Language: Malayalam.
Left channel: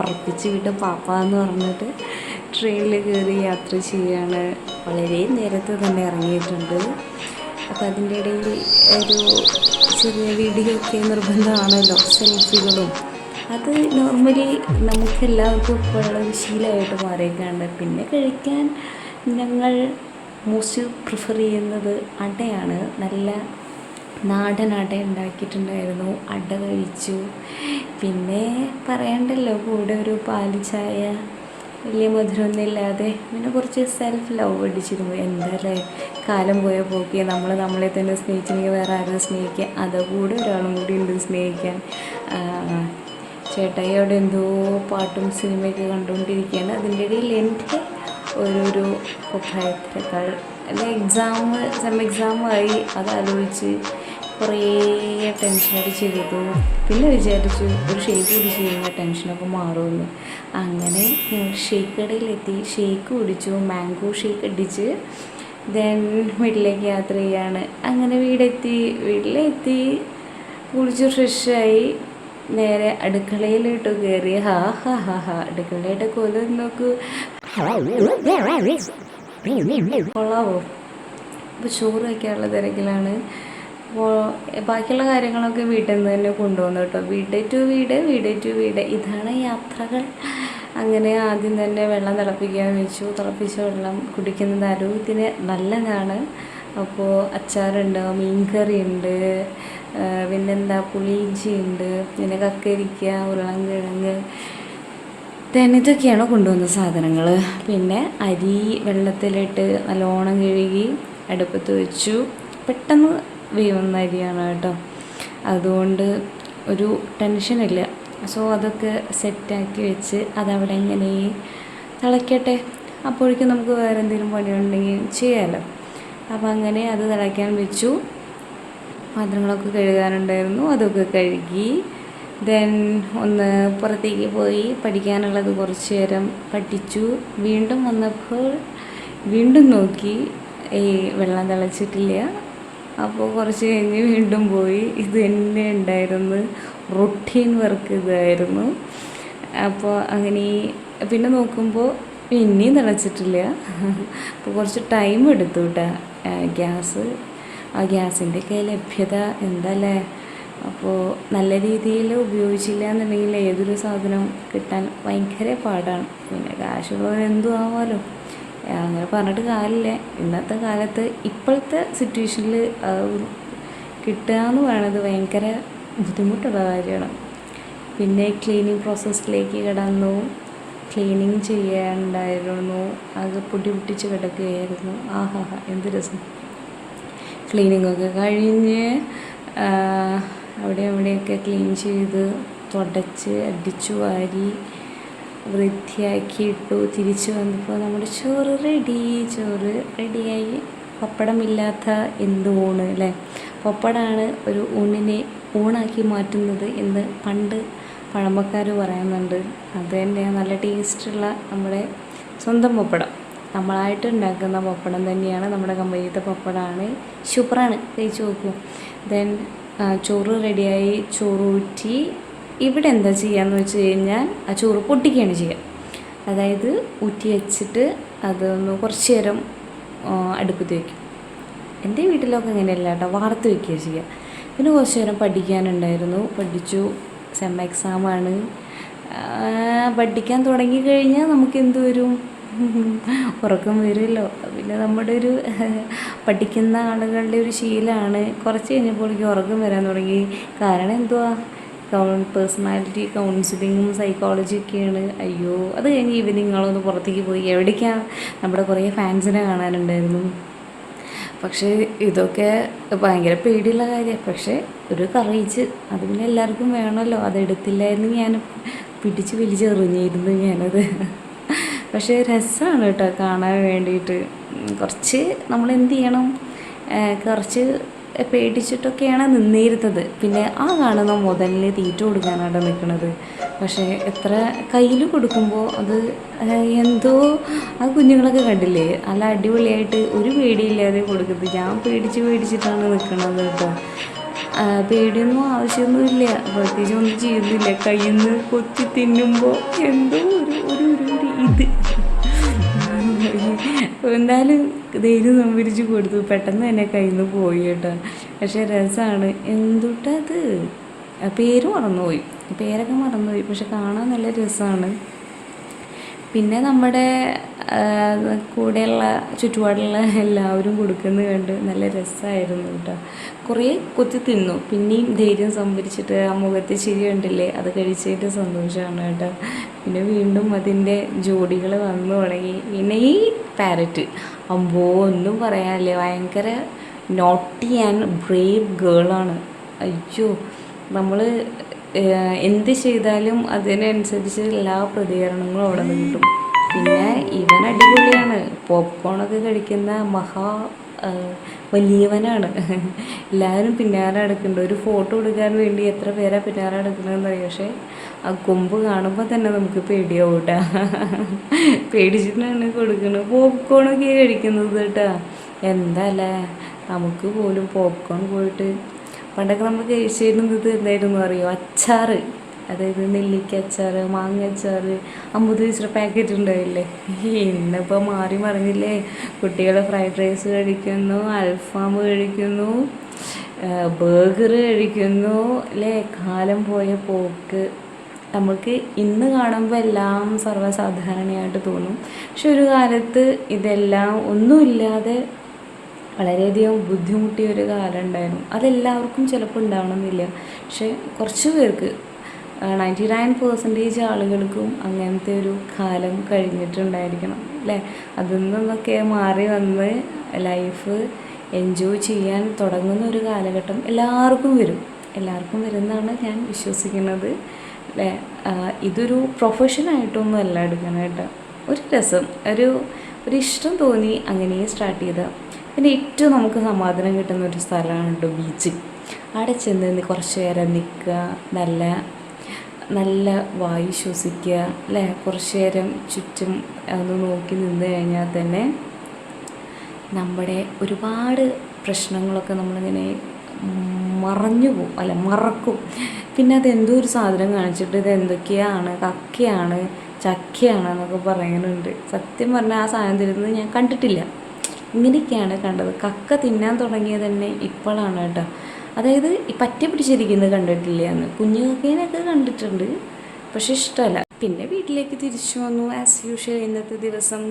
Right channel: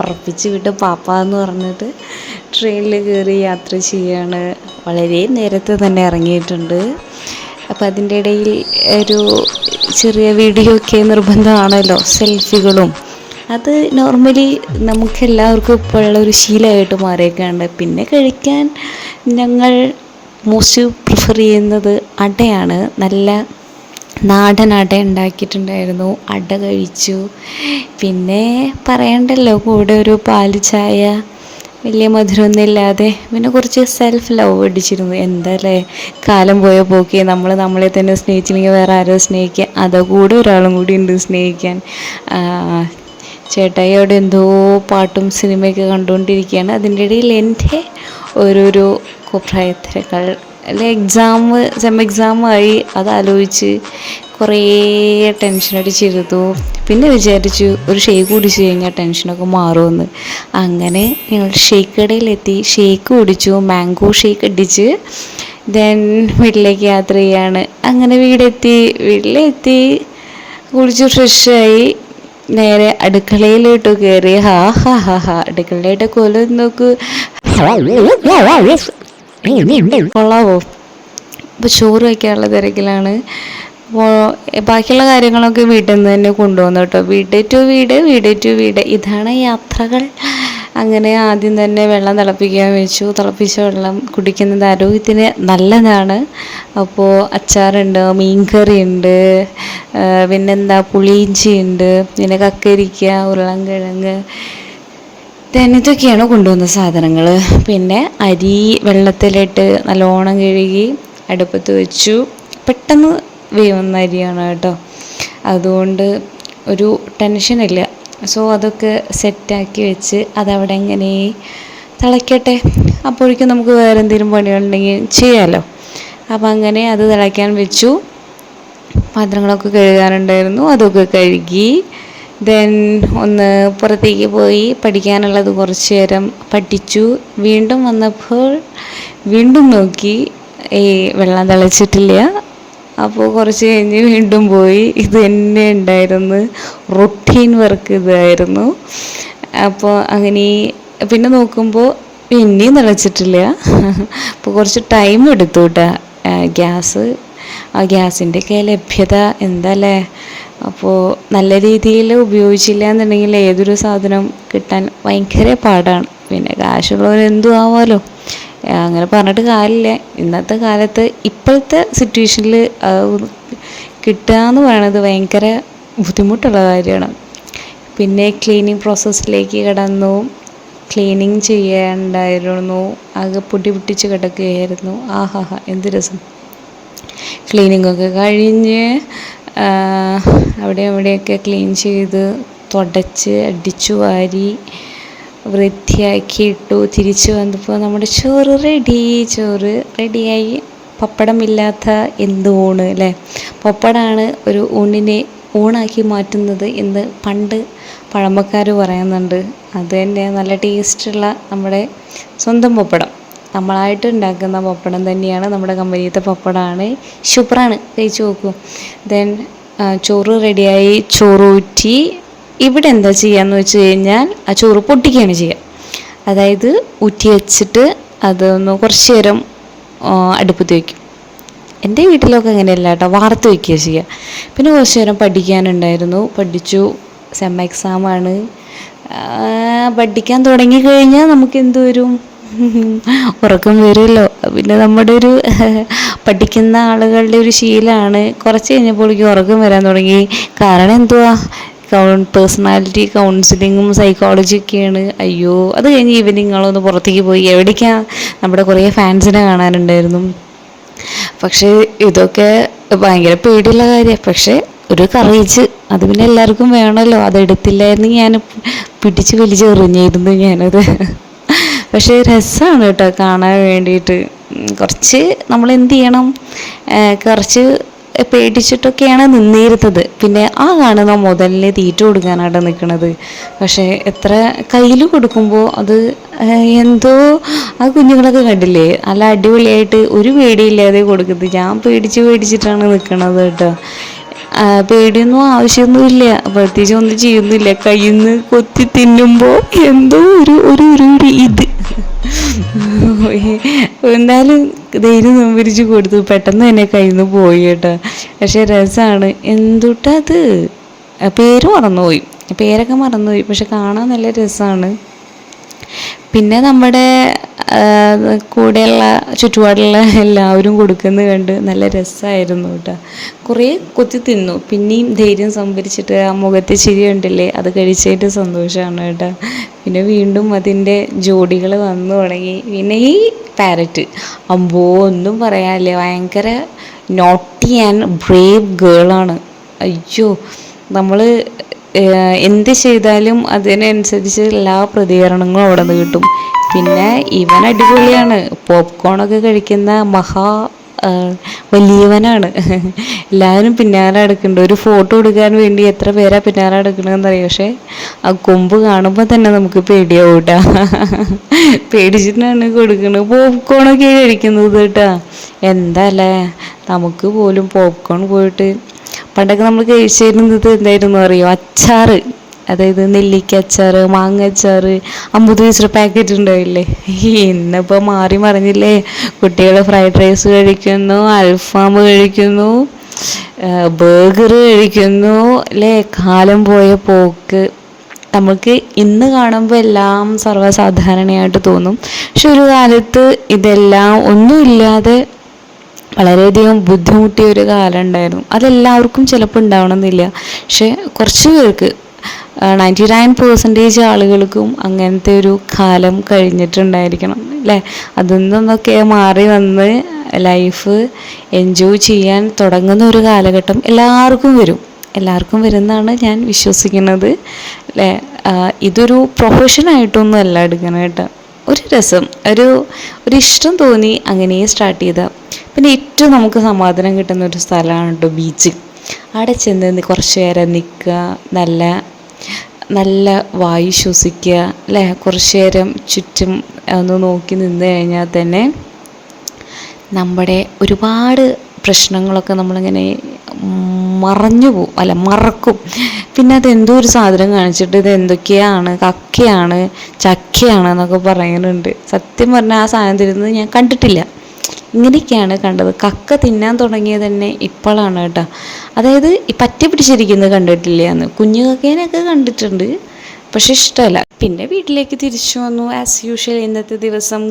പറപ്പിച്ച് വിട്ട് പാപ്പ എന്ന് പറഞ്ഞിട്ട് ട്രെയിനിൽ കയറി യാത്ര ചെയ്യാണ്. വളരെ നേരത്തെ തന്നെ ഇറങ്ങിയിട്ടുണ്ട്. അപ്പോൾ അതിൻ്റെ ഇടയിൽ ഒരു ചെറിയ വീഡിയോ ഒക്കെ നിർബന്ധമാണല്ലോ, സെൽഫികളും. അത് നോർമലി നമുക്കെല്ലാവർക്കും ഇപ്പോഴുള്ള ഒരു ശീലമായിട്ട് മാറിയേക്കാണ്ട്. പിന്നെ കഴിക്കാൻ ഞങ്ങൾ മോസ്റ്റ് പ്രിഫർ ചെയ്യുന്നത് അടയാണ്. നല്ല നാടൻ അട ഉണ്ടാക്കിയിട്ടുണ്ടായിരുന്നു, അട കഴിച്ചു. പിന്നെ പറയണ്ടല്ലോ, കൂടെ ഒരു പാൽ ചായ, വലിയ മധുരമൊന്നും ഇല്ലാതെ. പിന്നെ കുറച്ച് സെൽഫ് ലവ് അടിച്ചിരുന്നു. എന്താല്ലേ കാലം പോയ പോക്കി, നമ്മളെ തന്നെ സ്നേഹിച്ചില്ലെങ്കിൽ വേറെ ആരോ സ്നേഹിക്കുക, അതോ കൂടെ ഒരാളും കൂടി ഉണ്ട് സ്നേഹിക്കാൻ. ചേട്ടായി അവിടെ എന്തോ പാട്ടും സിനിമയൊക്കെ കണ്ടുകൊണ്ടിരിക്കുകയാണ്. അതിൻ്റെ ഇടയിൽ എൻ്റെ ഓരോരോ കുപ്രായത്തരങ്ങൾ, അല്ലെ സെം എക്സാമായി, അതാലോചിച്ച് കുറേ ടെൻഷൻ അടിച്ചിരുന്നു. പിന്നെ വിചാരിച്ചു ഒരു ഷേക്ക് കുടിച്ച് കഴിഞ്ഞാൽ ടെൻഷനൊക്കെ മാറുമെന്ന്. അങ്ങനെ ഞങ്ങൾ ഷേക്ക് കടയിലെത്തി, ഷേക്ക് കുടിച്ചു, മാംഗോ ഷേക്ക് അടിച്ച് വീട്ടിലേക്ക് യാത്ര ചെയ്യാണ്. അങ്ങനെ വീട്ടിലെത്തി കുളിച്ച് ഫ്രഷായി നേരെ അടുക്കളയിലോട്ട് കയറി. അടുക്കളയുടെ കൊലം നോക്കൂ, കൊള്ളാവോ. അപ്പോൾ ചോറ് വയ്ക്കാനുള്ള തിരക്കിലാണ്. അപ്പോൾ ബാക്കിയുള്ള കാര്യങ്ങളൊക്കെ വീട്ടിൽ നിന്ന് തന്നെ കൊണ്ടുപോകുന്നു കേട്ടോ. വീട് ടു വീട്, ഇതാണ് യാത്രകൾ. അങ്ങനെ ആദ്യം തന്നെ വെള്ളം തിളപ്പിക്കാൻ വെച്ചു. തിളപ്പിച്ച വെള്ളം കുടിക്കുന്നത് ആരോഗ്യത്തിന് നല്ലതാണ്. അപ്പോൾ അച്ചാറുണ്ട്, മീൻകറിയുണ്ട്, പിന്നെന്താ പുളിയിഞ്ചി ഉണ്ട്, പിന്നെ കക്കരിക്ക, ഉരുളൻകിഴങ്ങ്, ഇതൊക്കെയാണ് കൊണ്ടുവന്ന സാധനങ്ങൾ. പിന്നെ അരി വെള്ളത്തിലിട്ട് നല്ലോണം കഴുകി അടുപ്പത്ത് വെച്ചു. പെട്ടെന്ന് വേവുന്ന അരിയാണ് കേട്ടോ, അതുകൊണ്ട് ഒരു ടെൻഷനില്ല. സോ അതൊക്കെ സെറ്റാക്കി വെച്ച് അതവിടെ എങ്ങനെ തിളയ്ക്കട്ടെ. അപ്പോഴേക്കും നമുക്ക് വേറെ എന്തെങ്കിലും പണികളുണ്ടെങ്കിൽ ചെയ്യാമല്ലോ. അപ്പം അങ്ങനെ അത് തിളയ്ക്കാൻ വെച്ചു. പാത്രങ്ങളൊക്കെ കഴുകാനുണ്ടായിരുന്നു, അതൊക്കെ കഴുകി. ഒന്ന് പുറത്തേക്ക് പോയി പഠിക്കാനുള്ളത് കുറച്ച് നേരം പഠിച്ചു. വീണ്ടും വന്നപ്പോൾ വീണ്ടും നോക്കി, വെള്ളം തിളച്ചിട്ടില്ല. അപ്പോൾ കുറച്ച് കഴിഞ്ഞ് വീണ്ടും പോയി. ഇത് തന്നെ ഉണ്ടായിരുന്നു, റൊട്ടീൻ വർക്ക് ഇതായിരുന്നു. അപ്പോൾ അങ്ങനെ പിന്നെ നോക്കുമ്പോൾ പിന്നെയും തിളച്ചിട്ടില്ല. അപ്പോൾ കുറച്ച് ടൈം എടുത്തു കേട്ടോ. ഗ്യാസിൻ്റെയൊക്കെ ലഭ്യത എന്താല്ലേ. അപ്പോൾ നല്ല രീതിയിൽ ഉപയോഗിച്ചില്ല എന്നുണ്ടെങ്കിൽ ഏതൊരു സാധനം കിട്ടാൻ ഭയങ്കര പാടാണ്. പിന്നെ കാശുള്ളവരെന്തും ആവാമല്ലോ, അങ്ങനെ പറഞ്ഞിട്ട് കാര്യമില്ല. ഇന്നത്തെ കാലത്ത് ഇപ്പോഴത്തെ സിറ്റുവേഷനിൽ കിട്ടുക എന്ന് പറയുന്നത് ഭയങ്കര ബുദ്ധിമുട്ടുള്ള കാര്യമാണ്. പിന്നെ ക്ലീനിങ് പ്രോസസ്സിലേക്ക് കടന്നു. ക്ലീനിങ് ചെയ്യാനുണ്ടായിരുന്നു, ആകെ പൊടി പൊട്ടിച്ച് കിടക്കുകയായിരുന്നു. എന്ത് രസം. ക്ലീനിങ്ങൊക്കെ കഴിഞ്ഞ് അവിടെയൊക്കെ ക്ലീൻ ചെയ്ത് തുടച്ച് അടിച്ചു വാരി വൃത്തിയാക്കി ഇട്ടു. തിരിച്ചു വന്നപ്പോൾ നമ്മുടെ ചോറ് റെഡിയായി. പപ്പടമില്ലാത്ത എന്ത് ഊണ് അല്ലേ. പപ്പടമാണ് ഒരു ഊണിനെ ഊണാക്കി മാറ്റുന്നത് എന്ന് പണ്ട് പഴമക്കാർ പറയുന്നുണ്ട്. അത് തന്നെ നല്ല ടേസ്റ്റുള്ള നമ്മുടെ സ്വന്തം പപ്പടം, നമ്മളായിട്ട് ഉണ്ടാക്കുന്ന പപ്പടം തന്നെയാണ്. നമ്മുടെ കമ്പനിയിലത്തെ പപ്പടമാണ്, സൂപ്പറാണ്, കഴിച്ച് നോക്കൂ. ചോറ് റെഡിയായി, ചോറ് ഊറ്റി. ഇവിടെ എന്താ ചെയ്യാന്ന് വെച്ച് കഴിഞ്ഞാൽ ആ ചോറ് പൊട്ടിക്കുകയാണ് ചെയ്യുക. അതായത് ഊറ്റി വെച്ചിട്ട് അതൊന്ന് കുറച്ച് നേരം അടുപ്പത്ത് വയ്ക്കും. എൻ്റെ വീട്ടിലൊക്കെ അങ്ങനെയല്ല കേട്ടോ, വാർത്ത് വയ്ക്കുക ചെയ്യുക. പിന്നെ കുറച്ച് നേരം പഠിക്കാനുണ്ടായിരുന്നു, പഠിച്ചു. സെം എക്സാമാണ്. പഠിക്കാൻ തുടങ്ങിക്കഴിഞ്ഞാൽ നമുക്ക് എന്ത് വരും, ഉറക്കം വരുമല്ലോ. പിന്നെ നമ്മുടെ ഒരു പഠിക്കുന്ന ആളുകളുടെ ഒരു ശീലമാണ്. കുറച്ച് കഴിഞ്ഞപ്പോഴേക്കും ഉറക്കം വരാൻ തുടങ്ങി. കാരണം എന്തുവാ, പേഴ്സണാലിറ്റി കൗൺസിലിങ്ങും സൈക്കോളജിയൊക്കെയാണ്. അയ്യോ, അത് കഴിഞ്ഞ് ഈവനിങ്ങളൊന്ന് പുറത്തേക്ക് പോയി. എവിടേക്കാണ്, നമ്മുടെ കുറേ ഫാൻസിനെ കാണാനുണ്ടായിരുന്നു. പക്ഷേ ഇതൊക്കെ ഭയങ്കര പേടിയുള്ള കാര്യമാണ്. പക്ഷേ ഒരു കറേജ് അത് പിന്നെ എല്ലാവർക്കും വേണമല്ലോ. അതെടുത്തില്ലായിരുന്നു ഞാൻ പിടിച്ച് വലിച്ചെറിഞ്ഞിരുന്നു ഞാനത്. പക്ഷേ രസമാണ് കേട്ടോ കാണാൻ വേണ്ടിയിട്ട്. കുറച്ച് നമ്മൾ എന്ത് ചെയ്യണം, കുറച്ച് പേടിച്ചിട്ടൊക്കെയാണ് നിന്നിരുന്നത്. പിന്നെ കാണുന്ന മുതലിന് തീറ്റ കൊടുക്കാനായിട്ട് നിൽക്കുന്നത്. പക്ഷേ എത്ര കയ്യിൽ കൊടുക്കുമ്പോൾ അത് എന്തോ, ആ കുഞ്ഞുങ്ങളൊക്കെ കണ്ടില്ലേ നല്ല അടിപൊളിയായിട്ട് ഒരു പേടിയില്ലാതെ കൊടുക്കുന്നത്. ഞാൻ പേടിച്ചിട്ടാണ് നിൽക്കുന്നത് കേട്ടോ. പേടിയൊന്നും ആവശ്യമൊന്നുമില്ല, പ്രത്യേകിച്ച് ഒന്നും ചെയ്യുന്നില്ല. കയ്യിൽ നിന്ന് കൊത്തി തിന്നുമ്പോൾ എന്തോ ഒരു ഇത് എന്നാലും ധൈര്യം സംഭരിച്ച് കൊടുത്തു. പെട്ടെന്ന് തന്നെ കയ്യിൽ നിന്ന് പോയി കേട്ടോ. പക്ഷെ രസമാണ്. എന്തുട്ടത് പേര് മറന്നുപോയി, പേരൊക്കെ മറന്നുപോയി. പക്ഷെ കാണാൻ നല്ല രസമാണ്. പിന്നെ നമ്മുടെ കൂടെയുള്ള ചുറ്റുപാടുള്ള എല്ലാവരും കൊടുക്കുന്നത് കണ്ട് നല്ല രസമായിരുന്നു കേട്ടോ. കുറേ കൊത്തി തിന്നു. പിന്നെയും ധൈര്യം സംഭരിച്ചിട്ട് ആ മുഖത്തെ ചിരി ഉണ്ടല്ലേ, അത് കഴിച്ചിട്ട് സന്തോഷമാണ് കേട്ടോ. പിന്നെ വീണ്ടും അതിൻ്റെ ജോഡികൾ വന്നു തുടങ്ങി. പിന്നെ ഈ പാരറ്റ് അമ്പോ ഒന്നും പറയാനില്ല, ഭയങ്കര നോട്ടി ആൻഡ് ബ്രേവ് ഗേളാണ്. അയ്യോ, നമ്മൾ എന്ത് ചെയ്താലും അതിനനുസരിച്ച് എല്ലാ പ്രതികരണങ്ങളും അവിടെ നിന്ന് കിട്ടും. പിന്നെ ഇവൻ അടിപൊളിയാണ്, പോപ്കോണൊക്കെ കഴിക്കുന്ന വലിയവനാണ്. എല്ലാവരും പിന്നാലെ എടുക്കുന്നുണ്ട്. ഒരു ഫോട്ടോ എടുക്കാൻ വേണ്ടി എത്ര പേരാ പിന്നാലെ എടുക്കണമെന്ന് അറിയാം. പക്ഷേ ആ കൊമ്പ് കാണുമ്പോൾ തന്നെ നമുക്ക് പേടിയാവും കേട്ടോ. പേടിച്ചിട്ടാണ് കൊടുക്കുന്നത്. പോപ്കോണൊക്കെ കഴിക്കുന്നത് കേട്ടോ. എന്താ അല്ലേ, നമുക്ക് പോലും പോപ്കോൺ പോയിട്ട് പണ്ടൊക്കെ നമ്മൾ കഴിച്ചിരുന്നത് എന്തായിരുന്നു അറിയോ, അച്ചാറ്. അതായത് നെല്ലിക്ക അച്ചാർ, മാങ്ങ അച്ചാർ, 50 പൈസ പാക്കറ്റ് ഉണ്ടാവില്ലേ. ഇന്നിപ്പോൾ മാറി മറിഞ്ഞില്ലേ. കുട്ടികൾ ഫ്രൈഡ് റൈസ് കഴിക്കുന്നു, അൽഫാം കഴിക്കുന്നു, ബർഗർ കഴിക്കുന്നു അല്ലേ. കാലം പോയ പോക്ക്. നമുക്ക് ഇന്ന് കാണുമ്പോൾ എല്ലാം സർവ്വസാധാരണയായിട്ട് തോന്നും. പക്ഷെ ഒരു കാലത്ത് ഇതെല്ലാം ഒന്നുമില്ലാതെ വളരെയധികം ബുദ്ധിമുട്ടിയ ഒരു കാലം ഉണ്ടായിരുന്നു. അതെല്ലാവർക്കും ചിലപ്പോൾ ഉണ്ടാവണമെന്നില്ല. പക്ഷെ കുറച്ച് പേർക്ക് 99% ആളുകൾക്കും അങ്ങനത്തെ ഒരു കാലം കഴിഞ്ഞിട്ടുണ്ടായിരിക്കണം അല്ലേ. അതിൽ നിന്നൊക്കെ മാറി വന്ന് ലൈഫ് എൻജോയ് ചെയ്യാൻ തുടങ്ങുന്ന ഒരു കാലഘട്ടം എല്ലാവർക്കും വരുമെന്നാണ് ഞാൻ വിശ്വസിക്കുന്നത് അല്ലേ. ഇതൊരു പ്രൊഫഷനായിട്ടൊന്നും അല്ല എടുക്കണം കേട്ടോ. ഒരു രസം, ഒരു ഇഷ്ടം തോന്നി അങ്ങനെ സ്റ്റാർട്ട് ചെയ്ത. പിന്നെ ഏറ്റവും നമുക്ക് സമാധാനം കിട്ടുന്ന ഒരു സ്ഥലമാണ് കേട്ടോ ബീച്ച്. അവിടെ ചെന്ന് കുറച്ച് നേരം നിൽക്കുക, നല്ല വായു ശ്വസിക്കുക അല്ലേ. കുറച്ച് നേരം ചുറ്റും ഒന്ന് നോക്കി നിന്ന് കഴിഞ്ഞാൽ തന്നെ നമ്മുടെ ഒരുപാട് പ്രശ്നങ്ങളൊക്കെ നമ്മളിങ്ങനെ മറക്കും. പിന്നെ അതെന്തോ ഒരു സാധനം കാണിച്ചിട്ട് ഇത് എന്തൊക്കെയാണ്, കക്കയാണ്, ചക്കയാണ് എന്നൊക്കെ പറയുന്നുണ്ട്. സത്യം പറഞ്ഞാൽ ആ സാധനം തരുന്നത് ഞാൻ കണ്ടിട്ടില്ല. ഇങ്ങനെയൊക്കെയാണ് കണ്ടത്. കക്ക തിന്നാൻ തുടങ്ങിയത് തന്നെ ഇപ്പോഴാണ് കേട്ടോ. അതായത് ഈ പറ്റി പിടിച്ചിരിക്കുന്നത് കണ്ടിട്ടില്ല എന്ന്. കുഞ്ഞു കക്കേനൊക്കെ കണ്ടിട്ടുണ്ട്, പക്ഷെ ഇഷ്ടമല്ല. പിന്നെ വീട്ടിലേക്ക് തിരിച്ചു വന്നു. ആസ് യൂഷ്വൽ ഇന്നത്തെ ദിവസം